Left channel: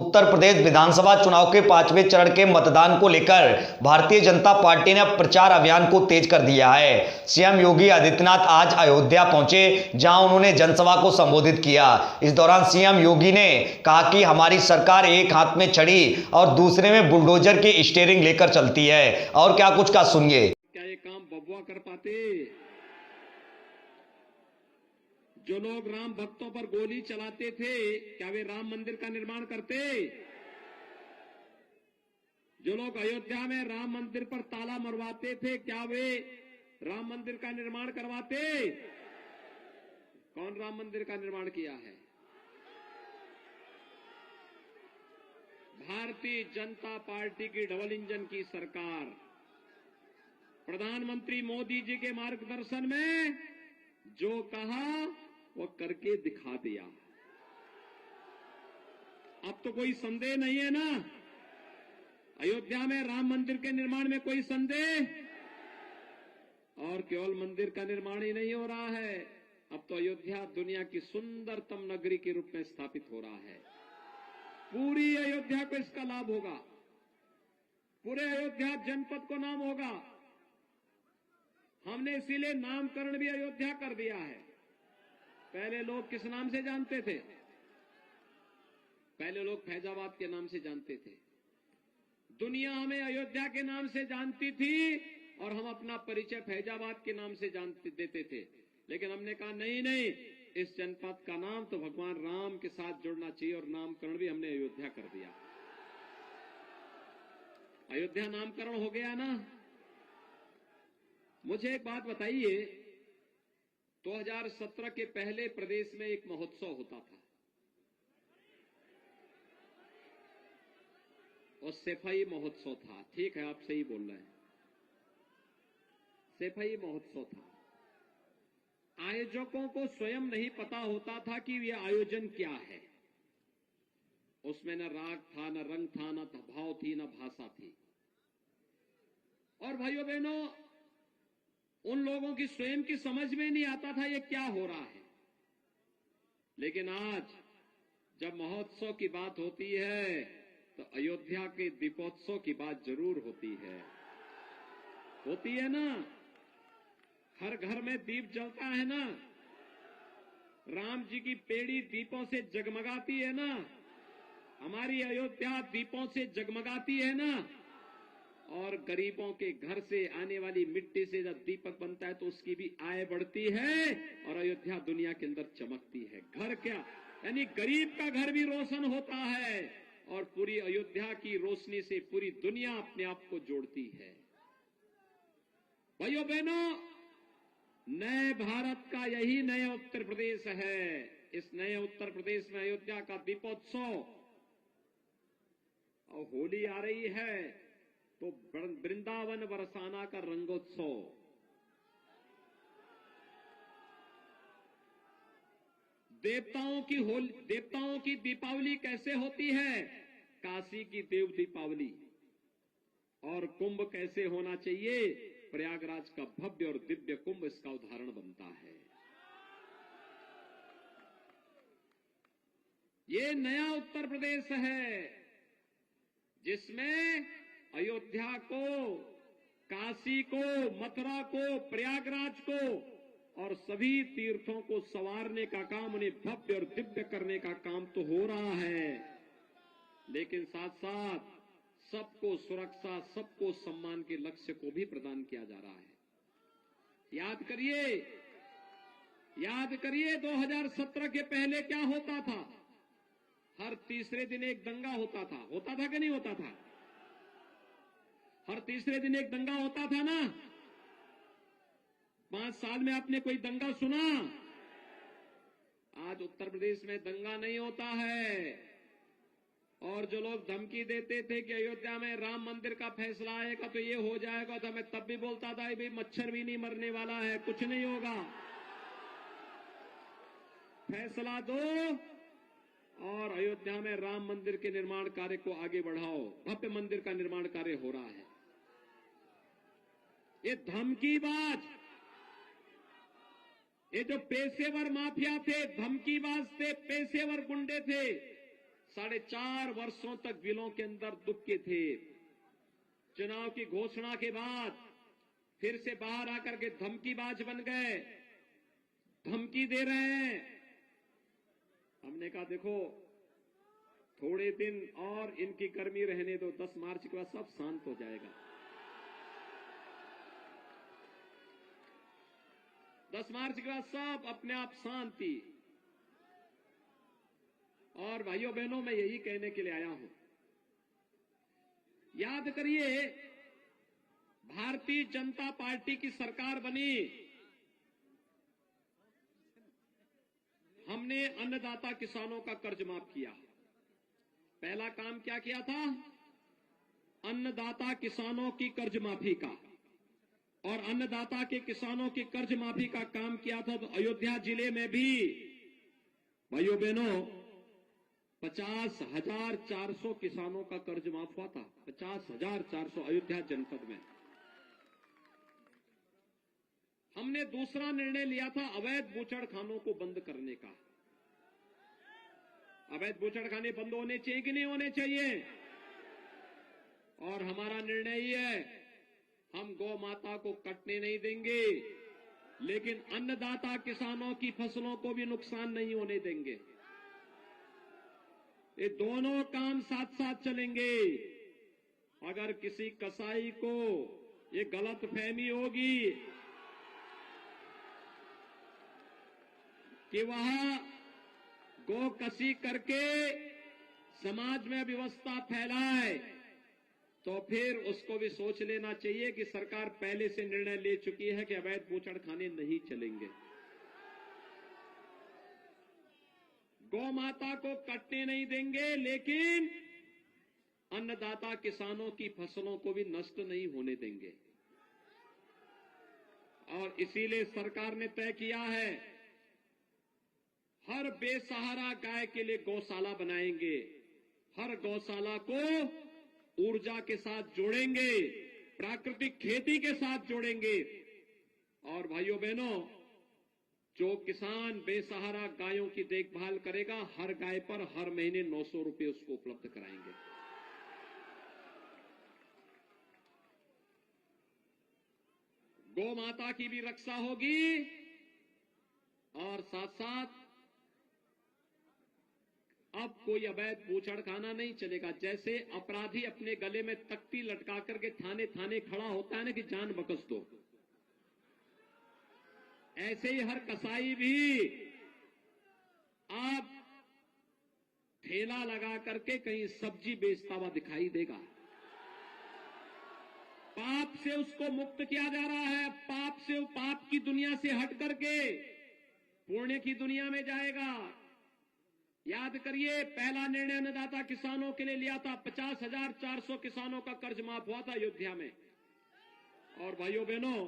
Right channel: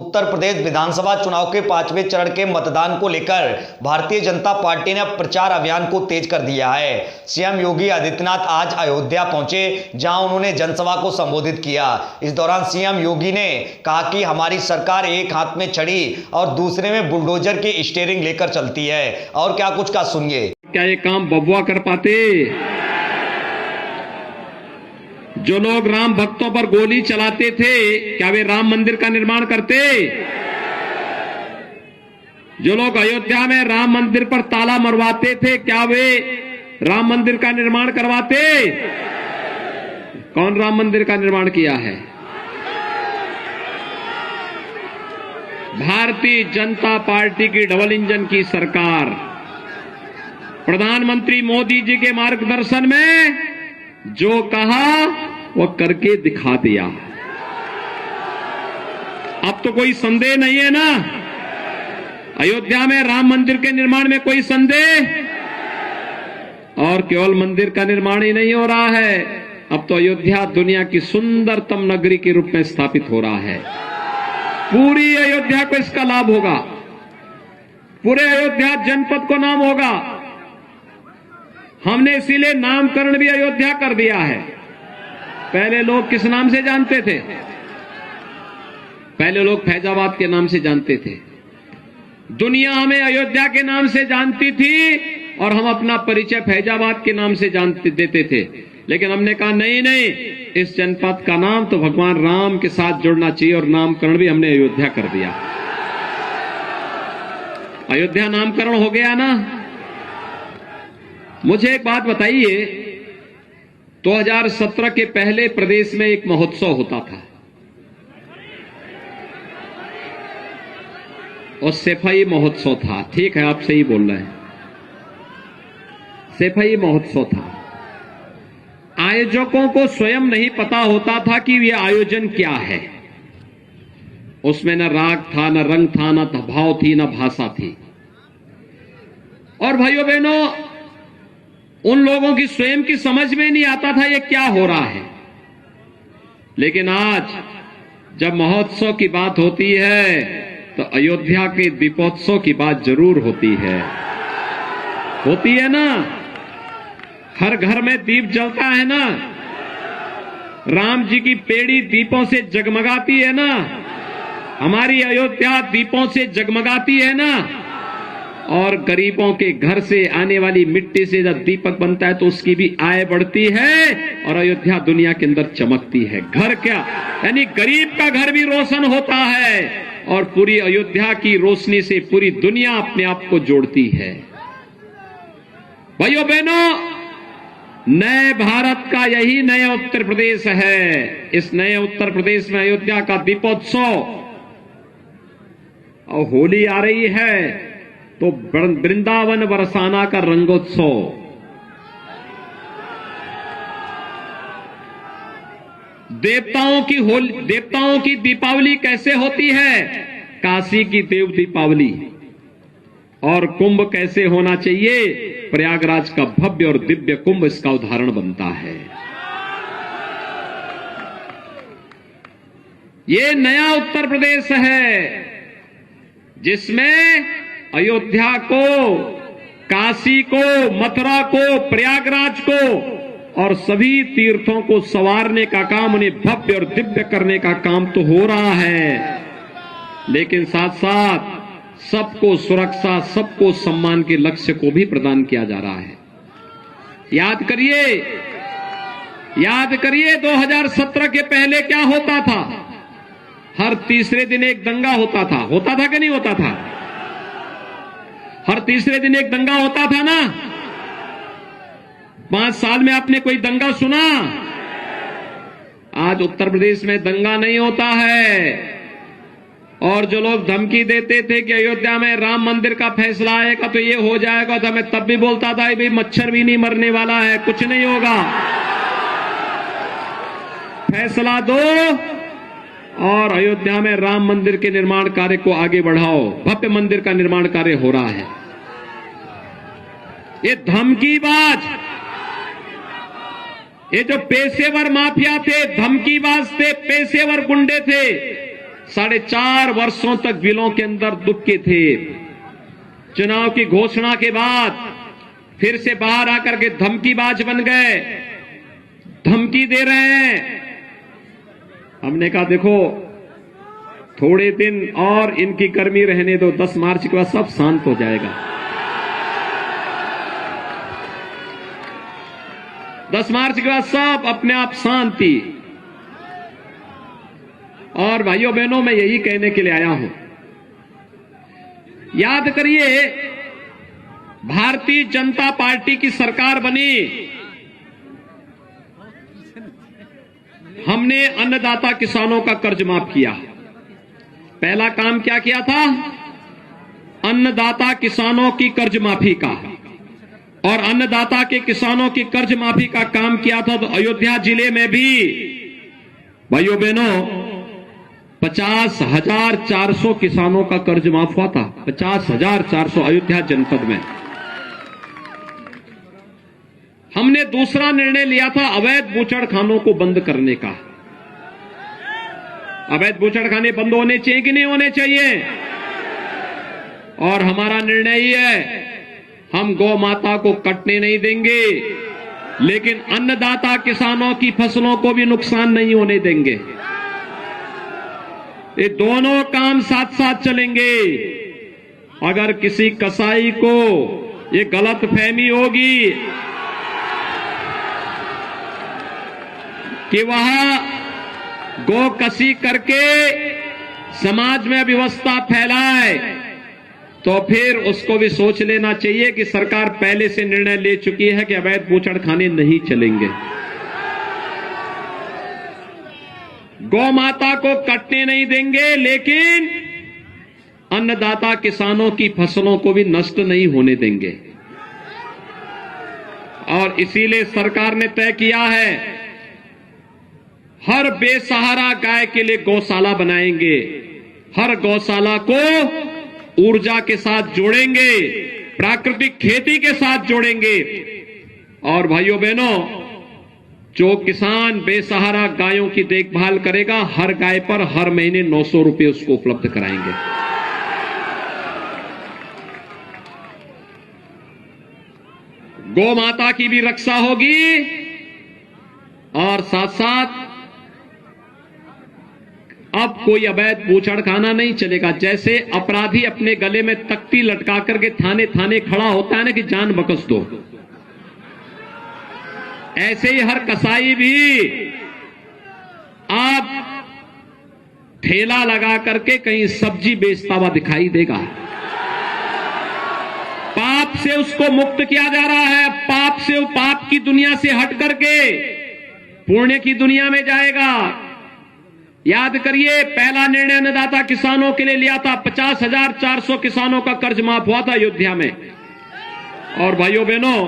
उत्तर प्रदेश विधानसभा चुनाव के 5वें चरण के मतदान को लेकर भारतीय जनता पार्टी ने प्रचार अभियान को तेज कर दिया है। सीएम योगी आदित्यनाथ आज अयोध्या पहुंचे, जहां उन्होंने जनसभा को संबोधित किया। इस दौरान सीएम योगी ने कहा कि हमारी सरकार एक हाथ में छड़ी और दूसरे में बुलडोजर की स्टीयरिंग लेकर चलती है। और क्या कुछ का सुनिए। क्या ये काम बबुआ कर पाते? जो लोग राम भक्तों पर गोली चलाते थे, क्या वे राम मंदिर का निर्माण करते? जो लोग अयोध्या में राम मंदिर पर ताला मरवाते थे, क्या वे राम मंदिर का निर्माण करवाते? कौन राम मंदिर का निर्माण किया है? भारतीय जनता पार्टी की डबल इंजन की सरकार, प्रधानमंत्री मोदी जी के मार्गदर्शन में जो कहा वो करके दिखा दिया। अब तो कोई संदेह नहीं है ना, अयोध्या में राम मंदिर के निर्माण में कोई संदेह? और केवल मंदिर का निर्माण ही नहीं हो रहा है, अब तो अयोध्या दुनिया की सुंदरतम नगरी के रूप में स्थापित हो रहा है। पूरी अयोध्या को इसका लाभ होगा, पूरे अयोध्या जनपद को नाम होगा। हमने इसीलिए नामकरण भी अयोध्या कर दिया है। पहले लोग किस नाम से जानते थे? पहले लोग फैजाबाद के नाम से जानते थे। दुनिया हमें अयोध्या के नाम से जानती थी और हम अपना परिचय फैजाबाद के नाम से जानते देते थे। लेकिन हमने कहा नहीं नहीं, इस जनपद का नाम तो भगवान राम के साथ जुड़ना चाहिए और नामकरण भी हमने अयोध्या कर दिया। अयोध्या नामकरण हो गया ना। मुझे एक बात बताइए, 2017 के पहले प्रदेश में एक महोत्सव होता था और सैफई महोत्सव था। ठीक है, आप सही बोल रहे हैं, सैफई महोत्सव था। आयोजकों को स्वयं नहीं पता होता था कि यह आयोजन क्या है। उसमें न राग था, न रंग था, न भाव थी, न भाषा थी। और भाइयों बहनों, उन लोगों की स्वयं की समझ में नहीं आता था ये क्या हो रहा है। लेकिन आज जब महोत्सव की बात होती है तो अयोध्या के दीपोत्सव की बात जरूर होती है। होती है ना, हर घर में दीप जलता है ना, राम जी की पेड़ी दीपों से जगमगाती है ना, हमारी अयोध्या दीपों से जगमगाती है ना। और गरीबों के घर से आने वाली मिट्टी से जब दीपक बनता है तो उसकी भी आय बढ़ती है और अयोध्या दुनिया के अंदर चमकती है। घर क्या, यानी गरीब का घर भी रोशन होता है और पूरी अयोध्या की रोशनी से पूरी दुनिया अपने आप को जोड़ती है। भाइयों बहनों, नए भारत का यही नया उत्तर प्रदेश है। इस नए उत्तर प्रदेश में अयोध्या का दीपोत्सव, और होली आ रही है तो वृंदावन बरसाना का रंगोत्सव। देवताओं की दीपावली कैसे होती है? काशी की देव दीपावली। और कुंभ कैसे होना चाहिए? प्रयागराज का भव्य और दिव्य कुंभ इसका उदाहरण बनता है। ये नया उत्तर प्रदेश है जिसमें अयोध्या को, काशी को, मथुरा को, प्रयागराज को और सभी तीर्थों को संवारने का काम, उन्हें भव्य और दिव्य करने का काम तो हो रहा है। लेकिन साथ साथ सबको सुरक्षा, सबको सम्मान के लक्ष्य को भी प्रदान किया जा रहा है। याद करिए 2017 के पहले क्या होता था? हर तीसरे दिन एक दंगा होता था कि नहीं होता था? हर तीसरे दिन एक दंगा होता था ना। 5 साल में आपने कोई दंगा सुना? आज उत्तर प्रदेश में दंगा नहीं होता है। और जो लोग धमकी देते थे कि अयोध्या में राम मंदिर का फैसला आएगा तो ये हो जाएगा, तो मैं तब भी बोलता था भाई मच्छर भी नहीं मरने वाला है, कुछ नहीं होगा, फैसला दो और अयोध्या में राम मंदिर के निर्माण कार्य को आगे बढ़ाओ। भव्य मंदिर का निर्माण कार्य हो रहा है। ये धमकीबाज, ये जो पेशेवर माफिया थे, धमकीबाज थे, पेशेवर गुंडे थे, 4.5 वर्षों तक बिलों के अंदर दुबके थे। चुनाव की घोषणा के बाद फिर से बाहर आकर के धमकीबाज बन गए, धमकी दे रहे हैं। हमने कहा देखो थोड़े दिन और इनकी गर्मी रहने दो, 10 मार्च के बाद सब शांत हो जाएगा। 10 मार्च के बाद सब अपने आप शांति। और भाइयों बहनों, मैं यही कहने के लिए आया हूं, याद करिए भारतीय जनता पार्टी की सरकार बनी, हमने अन्नदाता किसानों का कर्ज माफ किया। पहला काम क्या किया था? अन्नदाता किसानों की कर्ज माफी का। और अन्नदाता के किसानों की कर्ज माफी का काम किया था तो अयोध्या जिले में भी भाइयों बहनों 50,400 किसानों का कर्ज माफ हुआ था। 50,400 अयोध्या जनपद में। हमने दूसरा निर्णय लिया था अवैध बूचड़खानों को बंद करने का। अवैध बूचड़खाने बंद होने चाहिए कि नहीं होने चाहिए? और हमारा निर्णय ही है, हम गौ माता को कटने नहीं देंगे, लेकिन अन्नदाता किसानों की फसलों को भी नुकसान नहीं होने देंगे। ये दोनों काम साथ साथ चलेंगे। अगर किसी कसाई को ये गलत फहमी होगी कि वह गौ कसी करके समाज में अव्यवस्था फैलाए, तो फिर उसको भी सोच लेना चाहिए कि सरकार पहले से निर्णय ले चुकी है कि अवैध बूचड़खाने नहीं चलेंगे। गौ माता को कटने नहीं देंगे, लेकिन अन्नदाता किसानों की फसलों को भी नष्ट नहीं होने देंगे। और इसीलिए सरकार ने तय किया है हर बेसहारा गाय के लिए गौशाला बनाएंगे। हर गौशाला को ऊर्जा के साथ जोड़ेंगे, प्राकृतिक खेती के साथ जोड़ेंगे। और भाइयों बहनों, जो किसान बेसहारा गायों की देखभाल करेगा, हर गाय पर हर महीने 900 रुपए उसको उपलब्ध कराएंगे। गौ माता की भी रक्षा होगी और साथ साथ अब कोई अवैध बूचड़खाना नहीं चलेगा। जैसे अपराधी अपने गले में तख्ती लटका करके थाने थाने खड़ा होता है ना कि जान बख्श दो, ऐसे ही हर कसाई भी आप ठेला लगा करके कहीं सब्जी बेचता हुआ दिखाई देगा। पाप से उसको मुक्त किया जा रहा है। पाप से, पाप की दुनिया से हट करके पुण्य की दुनिया में जाएगा। याद करिए, पहला निर्णय अन्नदाता किसानों के लिए लिया था। 50,400 किसानों का कर्ज माफ हुआ था अयोध्या में। और भाइयों बहनों,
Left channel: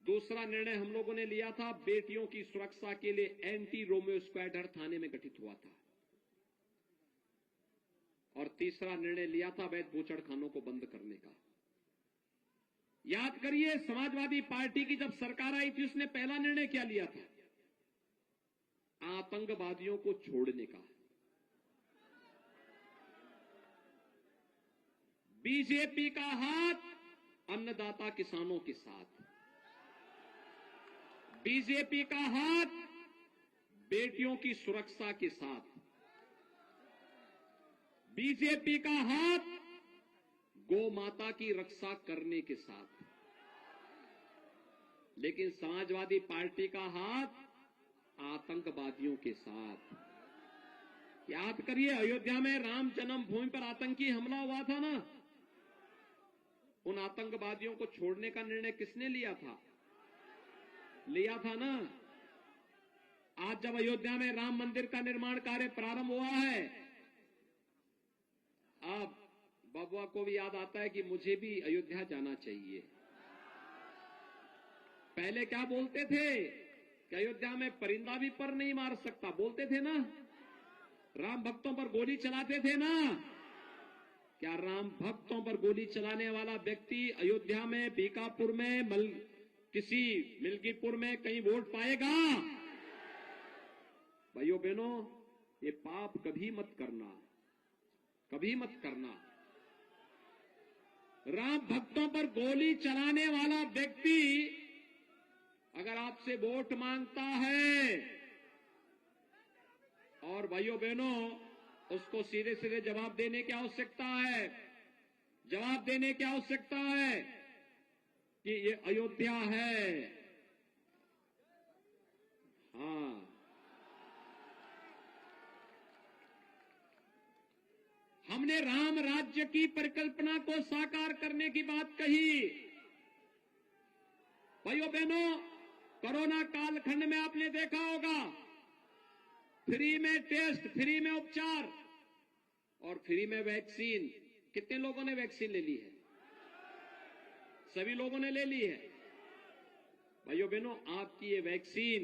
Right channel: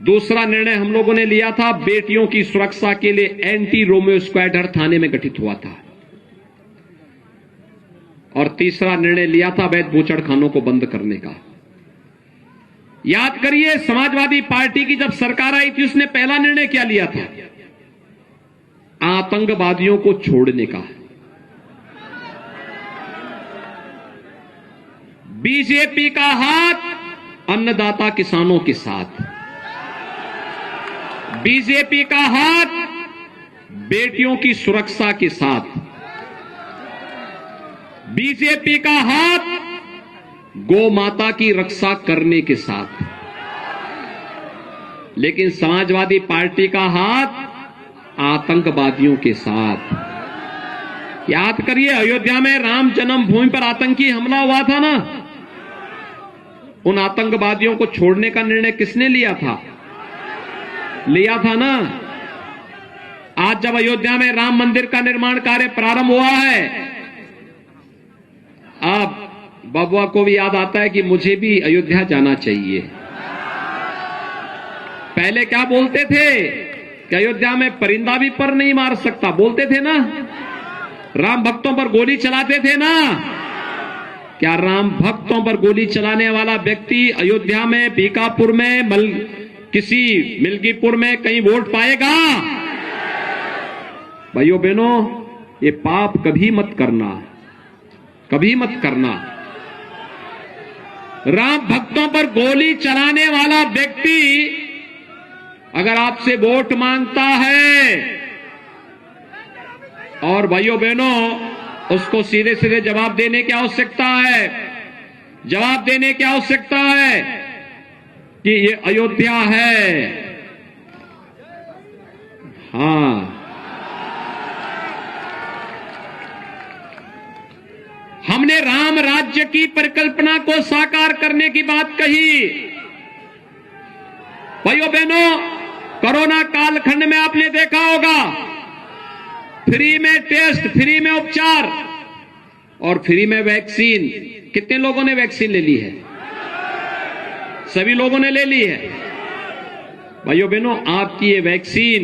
दूसरा निर्णय हम लोगों ने लिया था बेटियों की सुरक्षा के लिए एंटी रोमियो स्क्वाड हर थाने में गठित हुआ था। और तीसरा निर्णय लिया था अवैध बूचड़खानों को बंद करने का। याद करिए, समाजवादी पार्टी की जब सरकार आई थी, उसने पहला निर्णय क्या लिया था? आतंकवादियों को छोड़ने का। बीजेपी का हाथ अन्नदाता किसानों के साथ, बीजेपी का हाथ बेटियों की सुरक्षा के साथ, बीजेपी का हाथ गौ माता की रक्षा करने के साथ। लेकिन समाजवादी पार्टी का हाथ आतंकवादियों के साथ। याद करिए, अयोध्या में राम जन्मभूमि पर आतंकी हमला हुआ था ना, उन आतंकवादियों को छोड़ने का निर्णय किसने लिया था? लिया था ना। आज जब अयोध्या में राम मंदिर का निर्माण कार्य प्रारंभ हुआ है, अब बबुआ को भी याद आता है कि मुझे भी अयोध्या जाना चाहिए। पहले क्या बोलते थे कि अयोध्या में परिंदा भी पर नहीं मार सकता, बोलते थे ना। राम भक्तों पर गोली चलाते थे ना। क्या राम भक्तों पर गोली चलाने वाला व्यक्ति अयोध्या में, बीकापुर में, किसी मिल्कीपुर में कहीं वोट पाएगा? भाइयों बहनों, ये पाप कभी मत करना, कभी मत करना। राम भक्तों पर गोली चलाने वाला व्यक्ति अगर आपसे वोट मांगता है और भाइयों बहनों उसको सीधे सीधे जवाब देने की आवश्यकता है, जवाब देने की आवश्यकता है कि ये अयोध्या है। हां, हमने राम राज्य की परिकल्पना को साकार करने की बात कही। भाइयों बहनों, कोरोना कालखंड में आपने देखा होगा फ्री में टेस्ट, फ्री में उपचार और फ्री में वैक्सीन। कितने लोगों ने वैक्सीन ले ली है? सभी लोगों ने ले ली है। भाइयों बहनों, आपकी ये वैक्सीन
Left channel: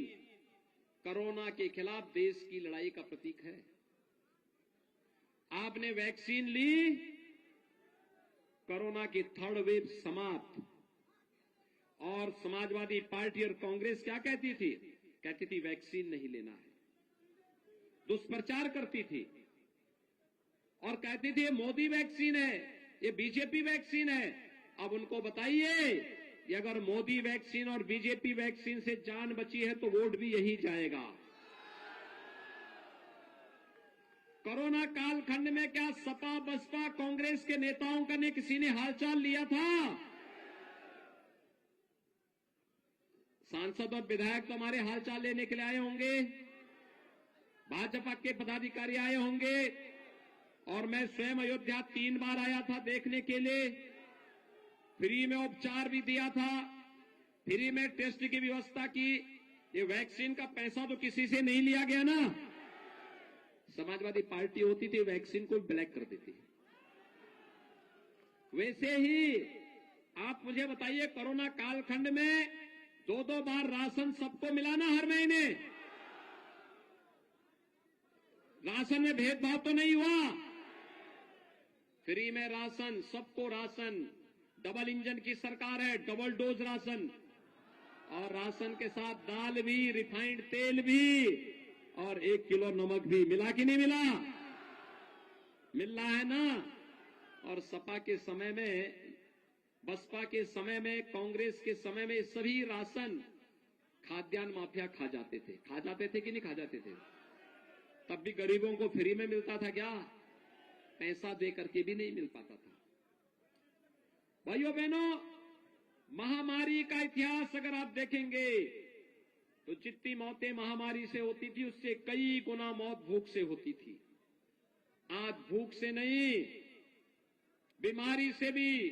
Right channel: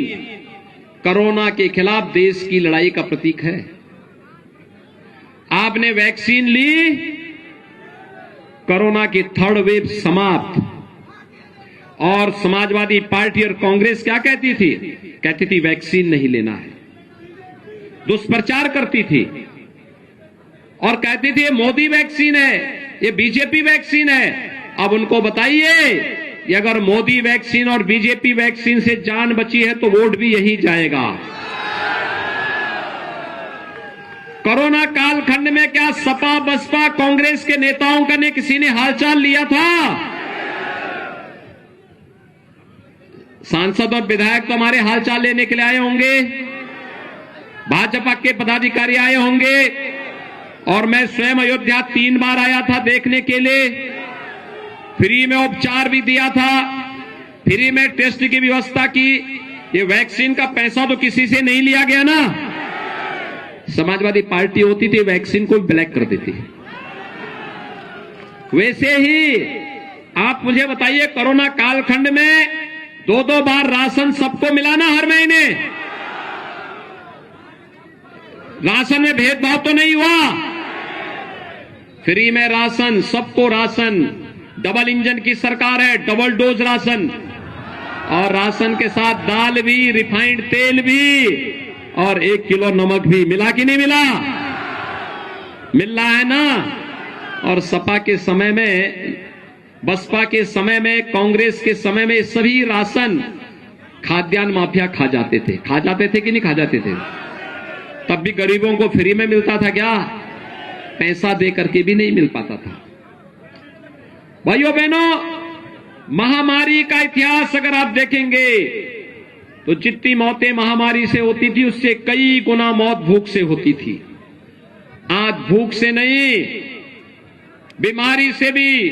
कोरोना के खिलाफ देश की लड़ाई का प्रतीक है। आपने वैक्सीन ली, कोरोना की थर्ड वेव समाप्त। और समाजवादी पार्टी और कांग्रेस क्या कहती थी? कहती थी वैक्सीन नहीं लेना है, दुष्प्रचार करती थी और कहती थी ये मोदी वैक्सीन है, ये बीजेपी वैक्सीन है। अब उनको बताइए कि अगर मोदी वैक्सीन और बीजेपी वैक्सीन से जान बची है तो वोट भी यही जाएगा। कोरोना कालखंड में क्या सपा बसपा कांग्रेस के नेताओं का ने किसी ने हालचाल लिया था? सांसद और विधायक तो हमारे हालचाल लेने के लिए आए होंगे, भाजपा के पदाधिकारी आए होंगे और मैं स्वयं अयोध्या 3 बार आया था देखने के लिए। फ्री में उपचार भी दिया था, फ्री में टेस्ट की व्यवस्था की। ये वैक्सीन का पैसा तो किसी से नहीं लिया गया ना। समाजवादी पार्टी होती थी वैक्सीन को ब्लैक कर देती। वैसे ही आप मुझे बताइए, कोरोना कालखंड में 2-2 बार राशन सबको मिला ना हर महीने? राशन में भेदभाव तो नहीं हुआ? फ्री में राशन, सबको राशन। डबल इंजन की सरकार है, डबल डोज राशन। और राशन के साथ दाल भी, रिफाइंड तेल भी और 1 किलो नमक भी। मिला कि नहीं मिला? मिल रहा है ना। और सपा के समय में, बसपा के समय में, कांग्रेस के समय में सभी राशन खाद्यान्न माफिया खा जाते थे। खा जाते थे कि नहीं खा जाते थे? तब भी गरीबों को फ्री में मिलता था क्या? पैसा दे करके भी नहीं मिल पाता था। भाइयों बहनों, महामारी का इतिहास अगर आप देखेंगे तो जितनी मौतें महामारी से होती थी उससे कई गुना मौत भूख से होती थी। आज भूख से नहीं, बीमारी से भी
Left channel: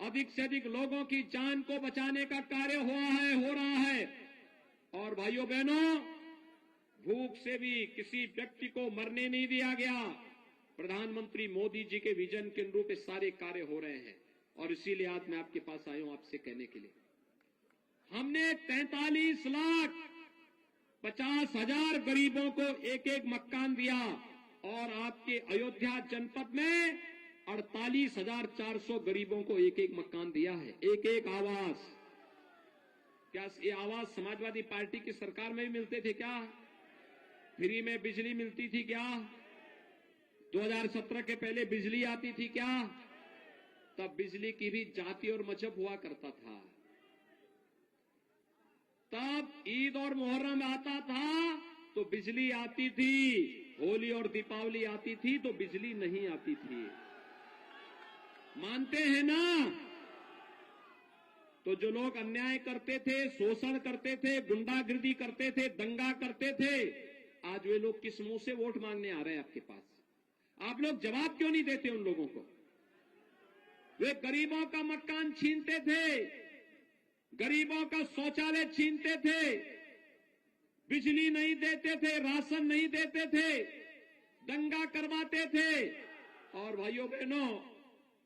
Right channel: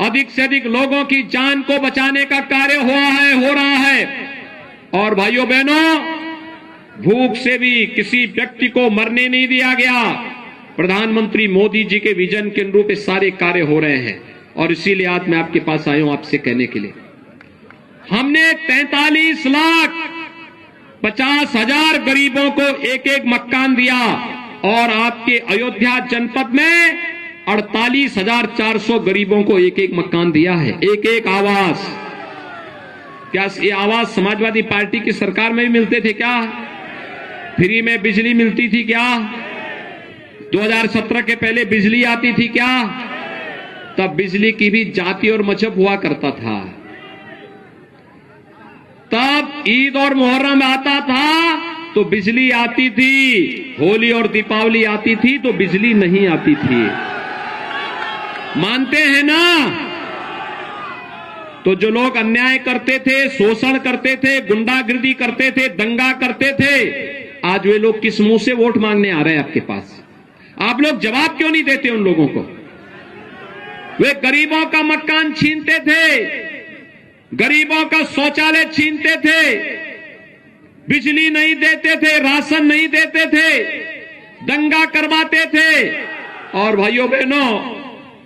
अधिक से अधिक लोगों की जान को बचाने का कार्य हो रहा है। और भाइयों बहनों, भूख से भी किसी व्यक्ति को मरने नहीं दिया गया। प्रधानमंत्री मोदी जी के विजन के अनुरूप ये सारे कार्य हो रहे हैं और इसीलिए आज मैं आपके पास आया हूं आपसे कहने के लिए। हमने 43,50,000 गरीबों को एक एक मकान दिया और आपके अयोध्या जनपद में 48,400 गरीबों को एक एक मकान दिया है, एक एक आवास। क्या ये आवास समाजवादी पार्टी की सरकार में भी मिलते थे क्या? फ्री में बिजली मिलती थी क्या? 2017 के पहले बिजली आती थी क्या? तब बिजली की भी जाति और मजहब हुआ करता था। तब ईद और मुहर्रम आता था तो बिजली आती थी, होली और दीपावली आती थी तो बिजली नहीं आती थी। मानते हैं ना? तो जो लोग अन्याय करते थे, शोषण करते थे, गुंडागिर्दी करते थे, दंगा करते थे, आज वे लोग किस मुंह से वोट मांगने आ रहे हैं आपके पास? आप लोग जवाब क्यों नहीं देते उन लोगों को? वे गरीबों का मकान छीनते थे, गरीबों का शौचालय छीनते थे, बिजली नहीं देते थे, राशन नहीं देते थे, दंगा करवाते थे। और भाइयों बहनों,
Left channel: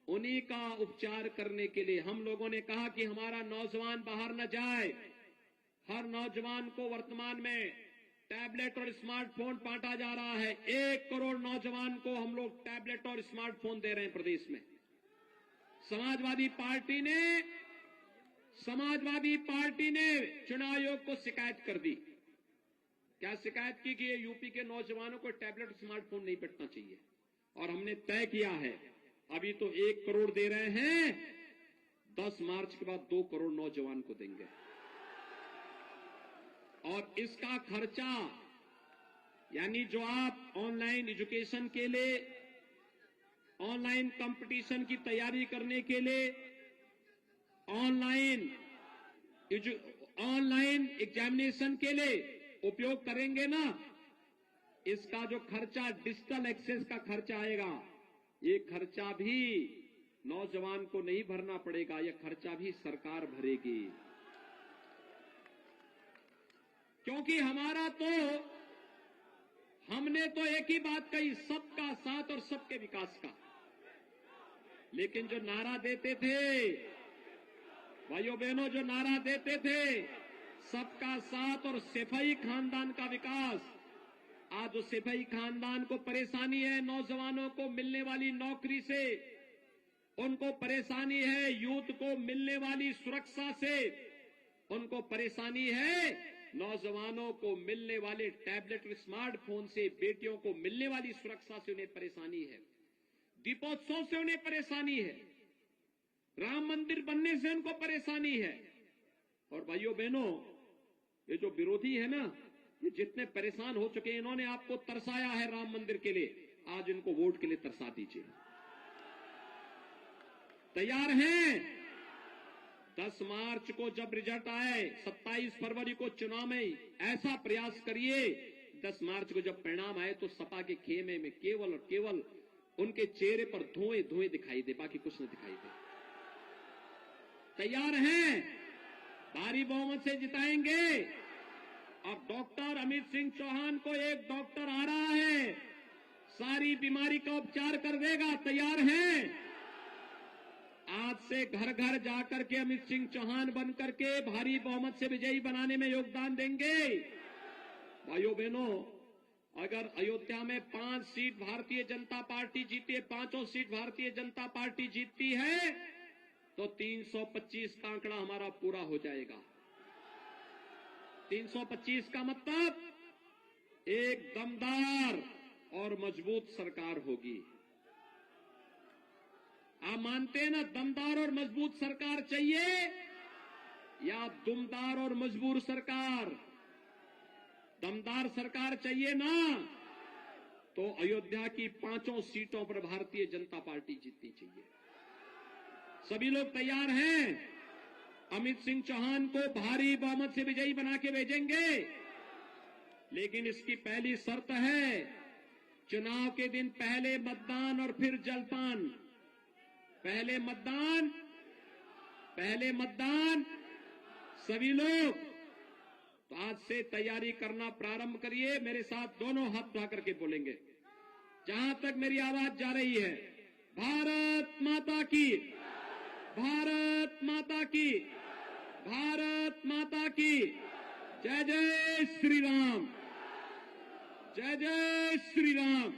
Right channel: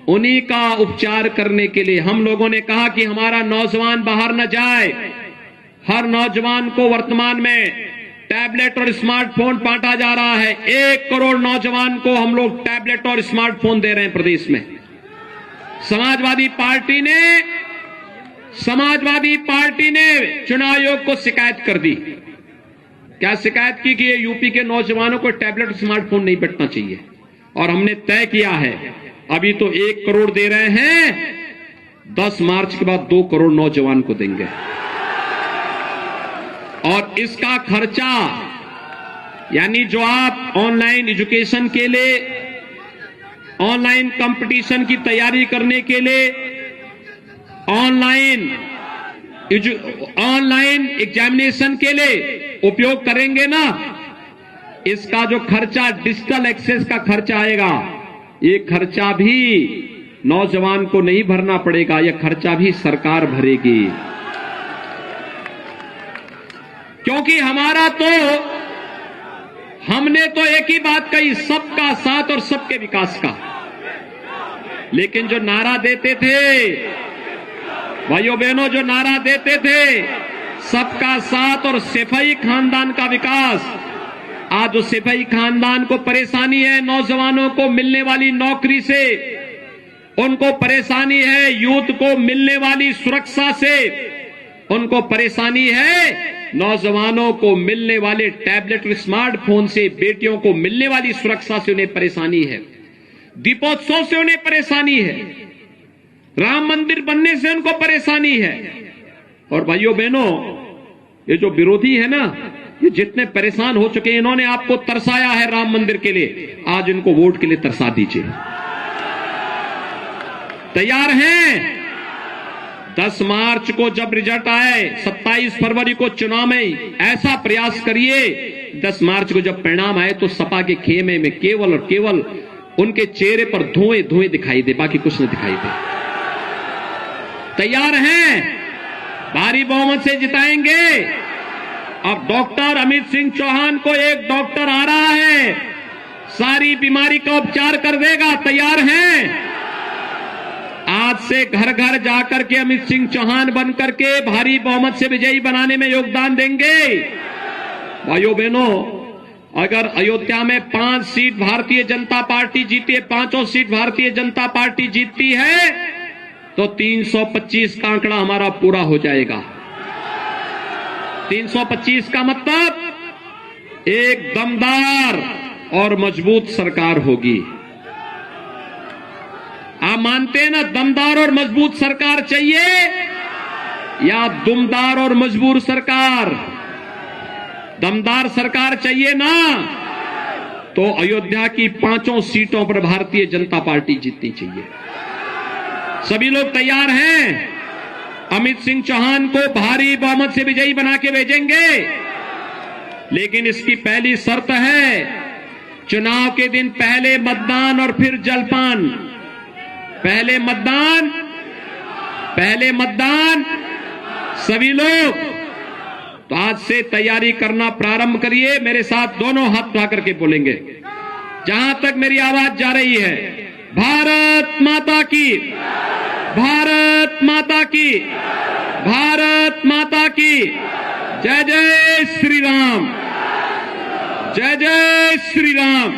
उन्हीं का उपचार करने के लिए हम लोगों ने कहा कि हमारा नौजवान बाहर न जाए। हर नौजवान को वर्तमान में टैबलेट और स्मार्टफोन बांटा जा रहा है। 1 करोड़ नौजवान को हम लोग टैबलेट और स्मार्टफोन दे रहे हैं प्रदेश में। समाजवादी पार्टी ने चुनाव आयोग को शिकायत कर दी क्या शिकायत की कि ये यूपी के नौजवानों को टैबलेट स्मार्टफोन नहीं बंटना चाहिए, और हमने तय किया है अभी तो 1 करोड़ दे रहे हैं, 10 मार्च के बाद 2 करोड़ नौजवान को देंगे। और इसका खर्चा यानी जो आप ऑनलाइन एजुकेशन के लिए, ऑनलाइन कंपटीशन की तैयारी करने के लिए, ऑनलाइन एग्जामिनेशन के लिए उपयोग करेंगे ना, इसका जो खर्चा डिजिटल एक्सेस का खर्चा आएगा, ये खर्चा भी नौजवान को नहीं भरना पड़ेगा, यह खर्चा भी सरकार भरेगी। क्योंकि हमने तो एक ही बात कही, सबका साथ और सबके विकास का। लेकिन जो नारा देते थे भाइयों बहनों, जो नारा देते थे सबका साथ और सैफई खानदान का विकास, आज जो सैफई खानदान को परेशानी है नौजवानों को मिलने वाली नौकरी से, उनको परेशानी है यूथ को मिलने वाली सुरक्षा से, उनको परेशानी है नौजवानों को मिलने वाले टैबलेट स्मार्टफोन से, बेटियों को मिलने वाली सुरक्षा से उन्हें परेशानी है, दीपोत्सव से उन्हें परेशानी है, राम मंदिर बनने से उनको परेशानी है। और भाइयों बहनों, ये जो विरोधी है ना, ये जितने परेशान हो चुके हैं, इन्होंने आपको तरसाया है राम मंदिर के लिए, आज इनको वोट के लिए तरसा दीजिए। तैयार हैं? 10 मार्च को जब रिजल्ट आए, 27 फरवरी को चुनाव में ऐसा प्रयास करिए, 10 मार्च को जब परिणाम आए तो सपा के खेमे में केवल और केवल उनके चेहरे पर धुएं धुएं दिखाई दे, बाकी कुछ न दिखाई दे। तैयार हैं? भारी बहुमत से जिताएंगे। अब डॉक्टर अमित सिंह चौहान को एक डॉक्टर आ रहा है, सारी बीमारी का उपचार कर देगा। तैयार हैं? आज से घर घर जाकर के अमित सिंह चौहान बनकर के भारी बहुमत से विजयी बनाने में योगदान देंगे। भाइयों बहनों, अगर अयोध्या में 5 सीट भारतीय जनता पार्टी जीती है, 5 सीट भारतीय जनता पार्टी जीतती है, तो 325 का आंकड़ा हमारा पूरा हो जाएगा। 325 का मतलब एक दमदार और मजबूत सरकार होगी। आप मानते हैं ना, दमदार और मजबूत सरकार चाहिए या दुमदार और मजबूर सरकार? दमदार सरकार चाहिए ना, तो अयोध्या की 5 सीटों पर भारतीय जनता पार्टी जीतनी चाहिए। सभी लोग तैयार हैं? अमित सिंह चौहान को भारी बहुमत से विजयी बना के भेजेंगे, लेकिन इसकी पहली शर्त है चुनाव के दिन पहले मतदान और फिर जलपान। पहले मतदान सभी लोग। तो आज से तैयारी करना प्रारंभ करिए। मेरे साथ दोनों हाथ उठा करके बोलेंगे, जहां तक मेरी आवाज जा रही है, भारत माता की, भारत माता की, भारत माता की, जय जय श्री राम, जय जय श्री राम।